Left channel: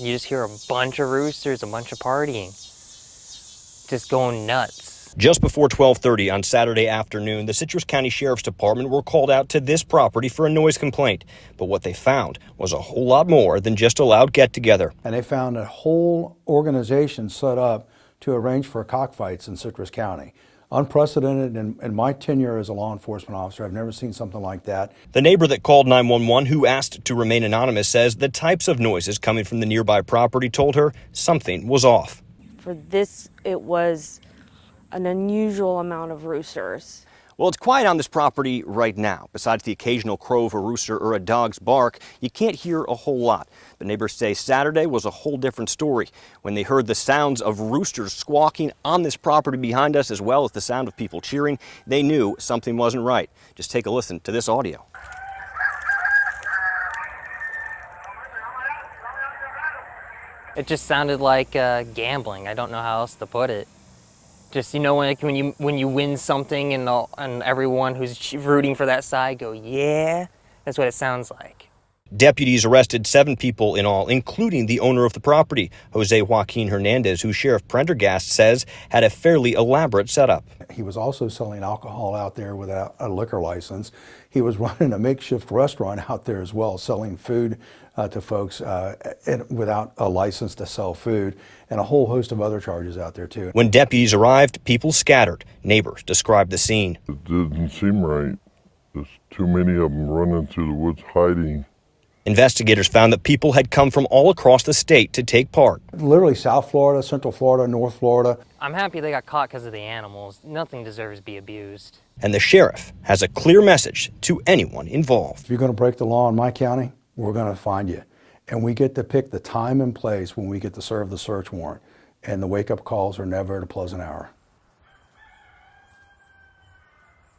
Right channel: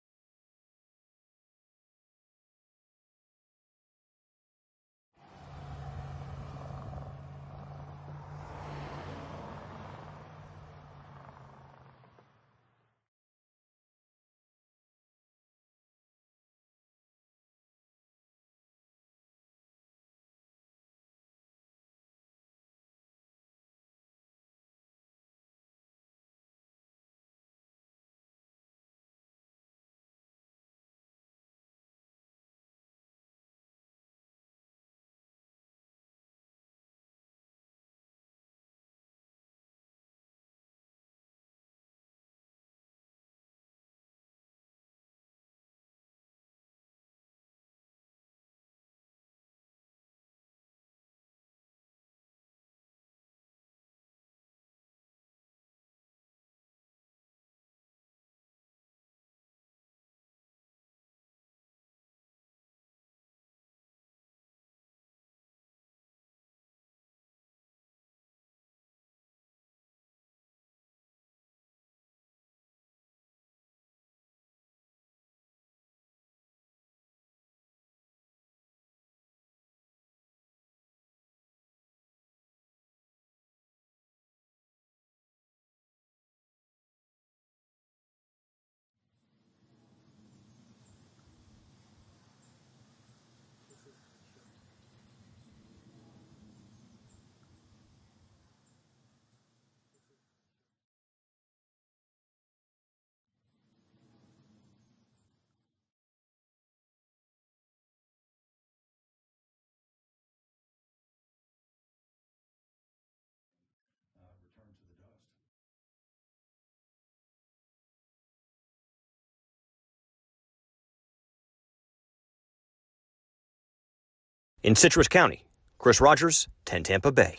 You just hear a bunch of roosters, a bunch of partying, just going nuts. Just before 12:30 on Saturday afternoon, the Citrus County Sheriff's Department were called out to this property for a noise complaint. But what they found was a whole lot more than just a loud get-together. And they found a whole organization set up to arrange for cockfights in Citrus County. Unprecedented in my tenure as a law enforcement officer. I've never seen something like that. The neighbor that called 911, who asked to remain anonymous, says the types of noises coming from the nearby property told her something was off. For this, it was an unusual amount of roosters. Well, it's quiet on this property right now. Besides the occasional crow of a rooster or a dog's bark, you can't hear a whole lot. But neighbors say Saturday was a whole different story when they heard the sounds of roosters squawking on this property behind us, as well as the sound of people cheering. They knew something wasn't right. Just take a listen to this audio. It just sounded like gambling. I don't know how else to put it. Just, you know, when you win something and everyone who's rooting for that side go, yeah, that's what it sounds like. Deputies arrested 7 people in all, including the owner of the property, Jose Joaquin Hernandez, who Sheriff Prendergast says had a fairly elaborate setup. He was also selling alcohol out there without a liquor license. He was running a makeshift restaurant out there as well, selling food to folks without a license to sell food, and a whole host of other charges out there too. When deputies arrived, people scattered. Neighbors described the scene. It didn't seem right. There's too many of them running through the woods hiding. Investigators found that people had come from all across the state to take part. Literally South Florida, Central Florida, North Florida. I'm happy they got caught because of the animals. Nothing deserves to be abused. And the sheriff has a clear message to anyone involved. If you're going to break the law in my county, we're going to find you. And we get to pick the time and place when we get to serve the search warrant. And the wake-up calls are never at a pleasant hour. In Citrus County, Chris Rogers, 10 Tampa Bay.